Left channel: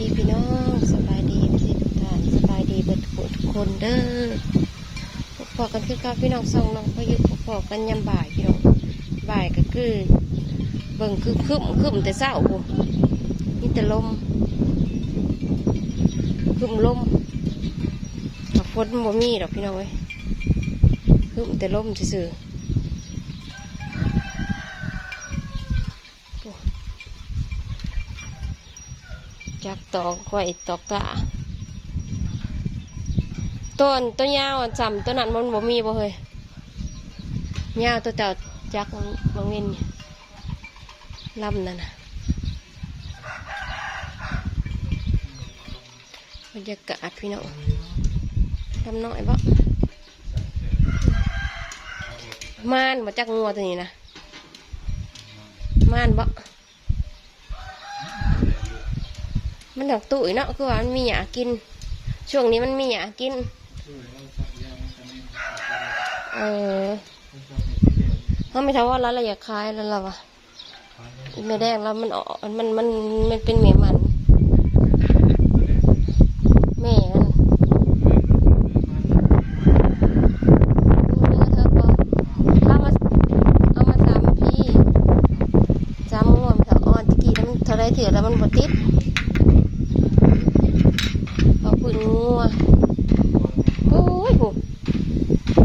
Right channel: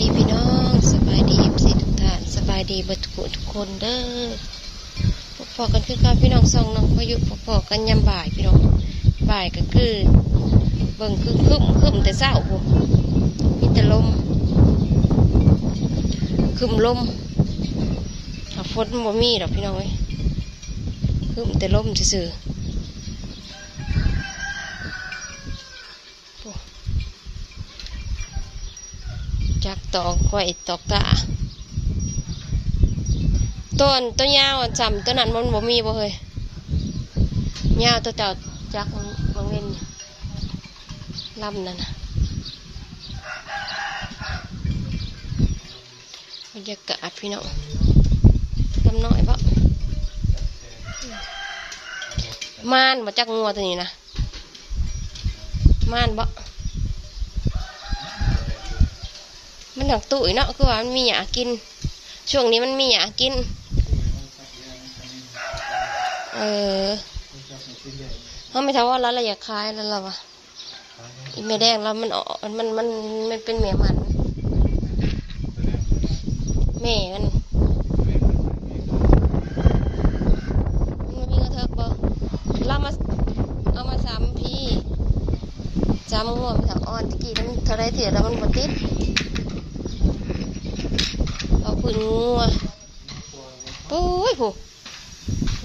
ดีพี่น้องสบายดีสิทุกท่านสบายดีเบิดทุกคนทุกคนเด้อพอกันคือการพี่น้องสองน้องพายุพอกันยามบ่ายพี่น้องบ่ายก็คือเบิ่งคือคึมคึมแต่เศร้าพูมีแต่ลมคึมลมฝนบ่มีดอกพี่น้องเอ้ยคึมแต่ลมซื่อๆโอ้จัก ตอกไว้ตอกกะต้นตัวยาวจำตัวนั้นมันบ่มีบ่เฮ้ยยาวตัวเจ้าจักมันมันเว้นนี่ลำนั่นนะบรรยากาศพี่น้องลำน้อยบ่ม่านมาจักงัวตัวนี้นะม่านบ่ มันหนักตุ๋ยเนาะคือว่ามันมีหยากิน ช่วงนี้มันมีหยากิน เออเขาไม่ทำว่าร้านอะไรอยากขายแล้วเราวะอีแม่แดงแล้วมันออกมันมันมันเป็นแม่มันแม่มันมันมีกระเทบปะเรามาเอามาสามพี่สามงวดแต่อ่อนตะกี้แล้วมันเท่าไรเถื่อแล้วมันบดติดเอาพื้นงัวโอ้ ยผู้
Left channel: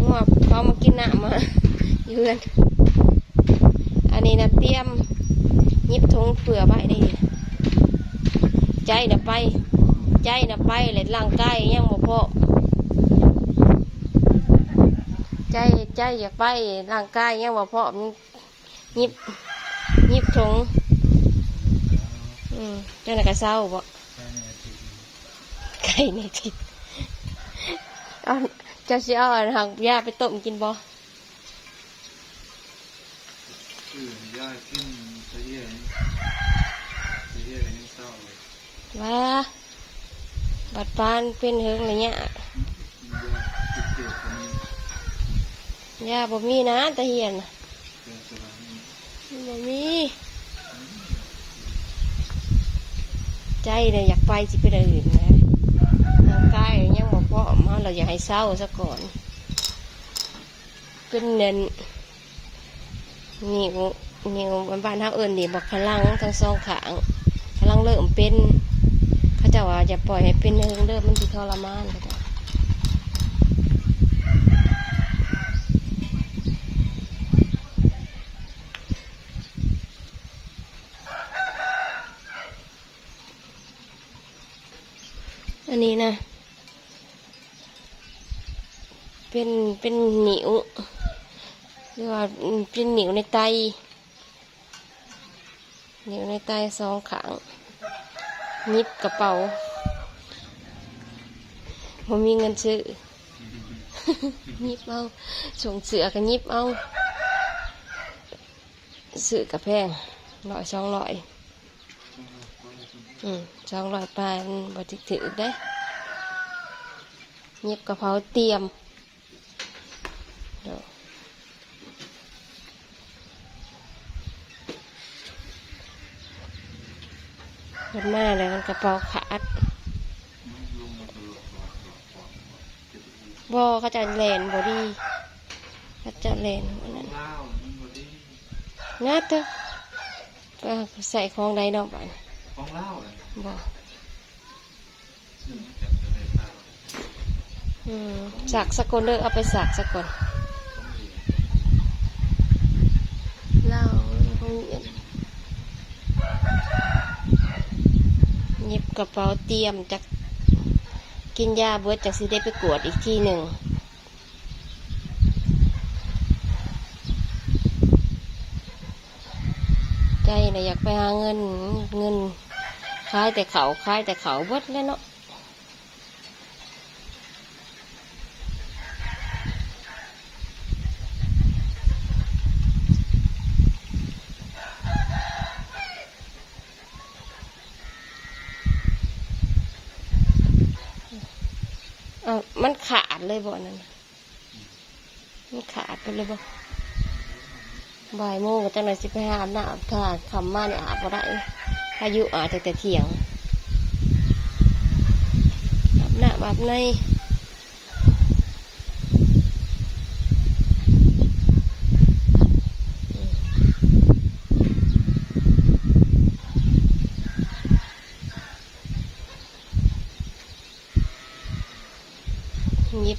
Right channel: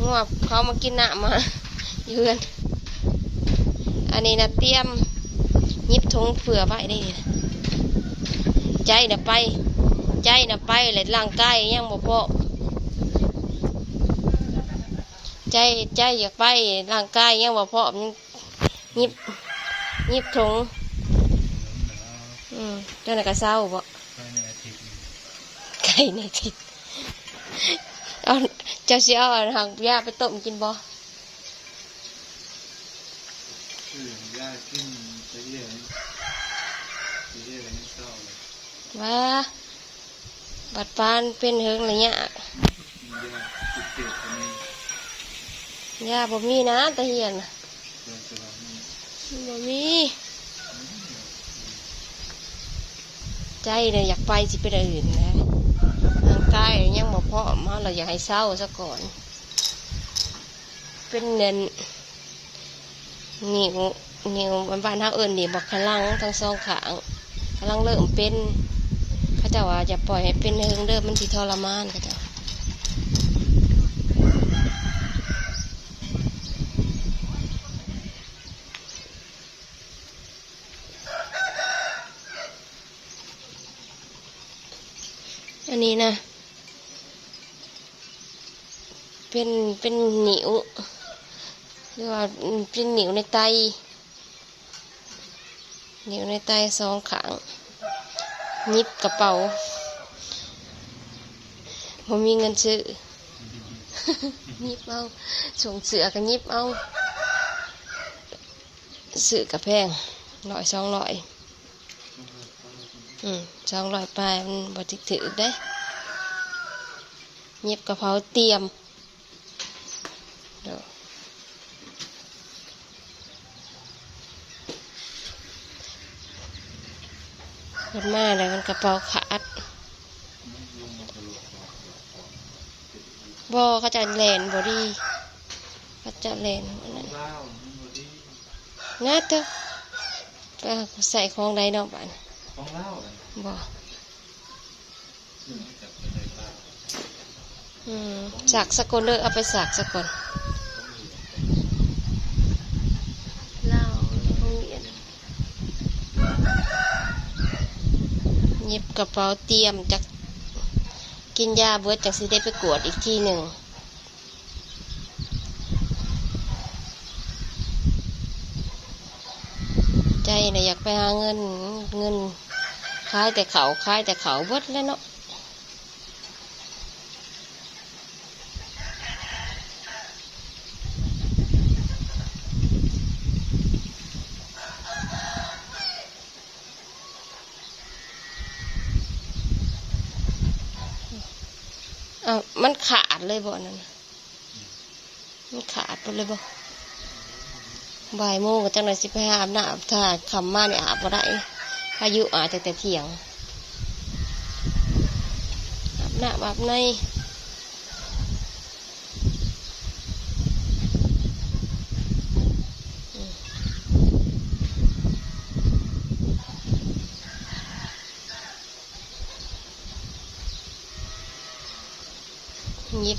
งัวเขามากินน้ำมาเยือนอันนี้นะเตรียมยิบทงเผื่อไว้ได้นี่นะใจนะไป ใจนะไปเลยร่างกายยังบ่พอใจใจอยากไปร่างกายยังบ่พอมันยิบยิบทงอืมเจ้าหน้าก็เศร้าบ่ไก่ในทิศ เอาเจ้าสิเอาอันหักยาไปต้มกินบ่คือย่ากินตะเยียนตะเยียนยังเศร้าเลยว่าบัดปานเป็นเฮิงอะไรเงี้ยย่าติดเกล็ดคนนี้ยาบ่มีนะตะเฮียนน่ะเดินสลับนี่บ่มีใจเนี่ยอยากไปสิไปนอื่นนะร่าง กายยังบ่พร้อมาเราอยากให้เศร้าซะก่อน เป็นเนินนิ้วนิ้วบ้านเฮาเอิ้นนี่บอกพลังทั้งสองขางพลังเริ่มเป็นเขาเจ้าว่าจะปล่อยให้เป็นเฮิงเริ่มมันสิทรมานเขาเจ้าอันนี้นะ เป็นเป็นหนิวหรือว่าเป็นหนิวในไตหนิวในไตสองขางยิบกระเป๋าผมมีเงินซื้อยิบเอาส่งเสือกันยิบเอาซื้อกระแพงร้อยสองร้อยอืมสองร้อยปลายมันบติถือได้เย็บกระเพราเตรียมเดี๋ยว มันมาเลยมันกระเป๋าขาดลุงมาตลอดก่อนเจ็บอีกบอเขาจะแลนบอดี้เขาจะแลนอันนั้นเล่ามันบอดี้งัดเถอะใส่ของใดเนอกบ้านของเล่าเลยบอซึ่งจับจะได้เล่าอืมสักสกลเด้อเอาไปสักสกล ต้องเหรียญ เล่าโรงเรียนเย็บกระเป๋าเตรียมจากกินยาเบิดจากสิได้ไปกวดอีกที่หนึ่งใจนะอยากไปหาเงินเงินขายแต่เขาขายแต่เขาเบิดแล้วเนาะามันขาดเลยบ่นั่นมันขาดไปเลยบ่บ่ายโมงก็จังไรสิไปอาบน้ำถ้าคำมาเนี่ยอาบบ่ได้อายุอาจจะแต่เถียงอาบน้ำอาบใน น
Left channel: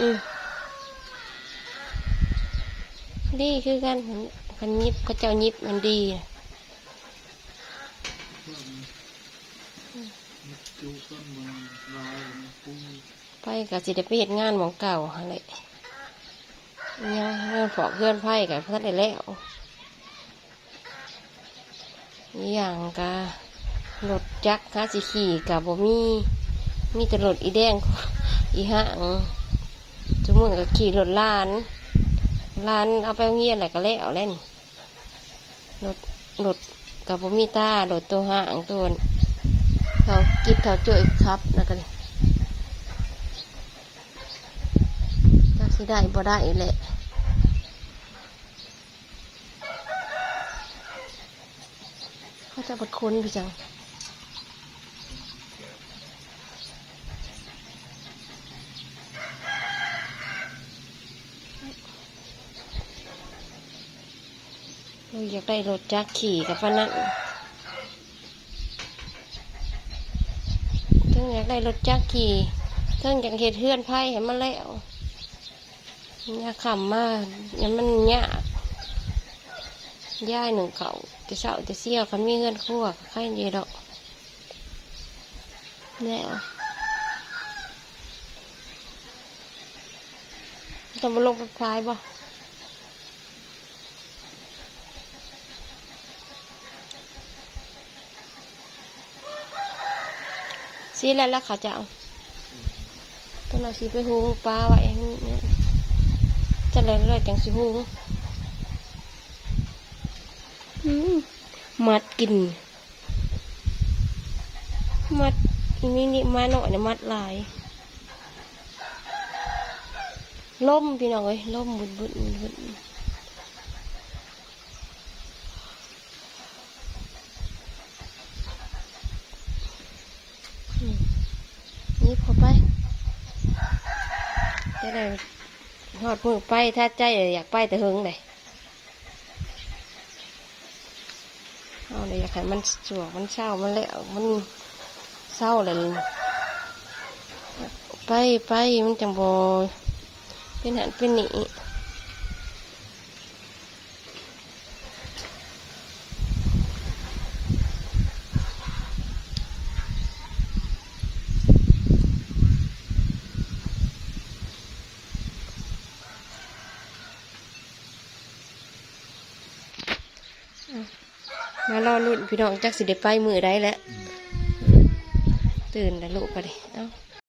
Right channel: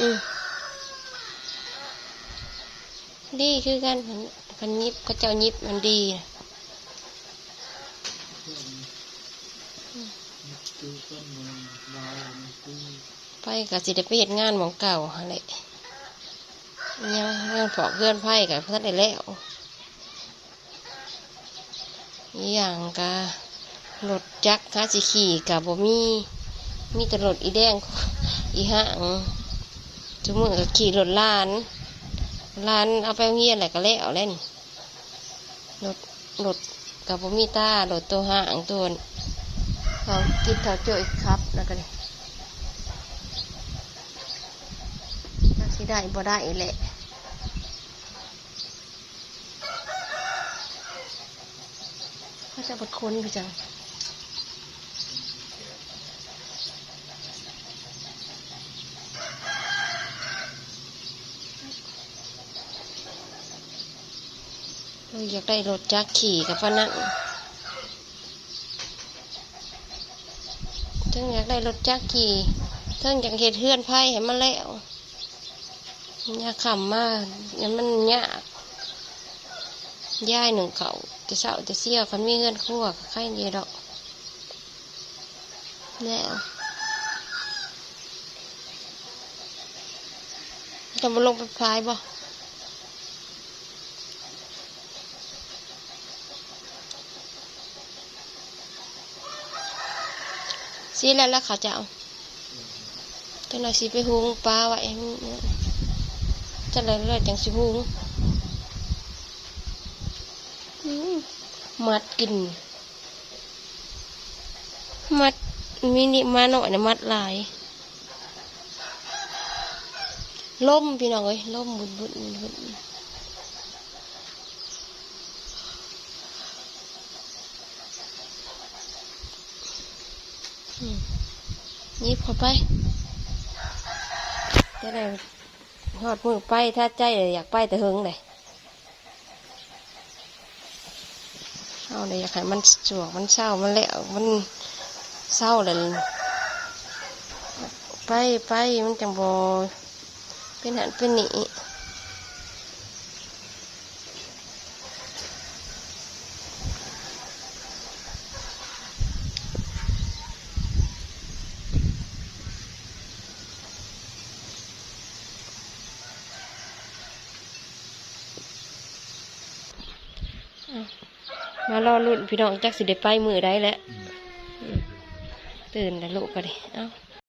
อืมดีคือกันคันคันยิบก็เจ้ายิบมัน ดีน่ะเพิ่มนิดจูต้นมันลายมันปูไปกับสิได้ไปเฮ็ดงานหมองเก่าหั่นแหละยังเรื่อกเพื่อนไผ่กับพัดได้แล้วอย่างกะรถจักรหาสิขี่กับบ่มีมีแต่รถอีแดงอีห่างจุมือก็ขี่รถลานลานเอาไปเงียนอะไรก็แล้วเล่นรถรถกับบ่มีตารถตัวห่างตัว เขากิดเขาเจอครับแล้วก็เลยจักสิได้บ่ได้แหละเขาจะบดคนพี่จังอยากได้รถจักรขี่กับพนั้น ถึงอยากได้รถจักรขี่ถึงอยากเห็ดเฮือนไผ่ให้มันแล้วยาขำมากยันมันยากย่ายหนึ่งเขาจะเศร้าจะเสี้ยวคันมีเงินคั่วใครเดียวดอกแล้วจะมาลงไปพายบ่ สีแล้วแล้วเขาจะเอาจังเลยสิไปหุงปลาไว้เนี่ยจังเลยแล้วจังสิหุงอืมมัดกิน มัดมินิมาหน่อยนะมัดหลายล่มพี่น้องเอ้ยล่มบุญบุญบุญ ยิบเข้าไปจะได้หอดมือไปถ้าใจอยากไปแต่หึงเลยเอาเลยอยากให้มันสวกมันเศร้ามันแล้วมันเศร้าเลยไปไปมันจังโบเป็นหันเป็นหนีารอลุ่นพี่น้องจักสิได้ไปมือได้แล้ว ตื่นแล้วลูกก็ดิเอ้า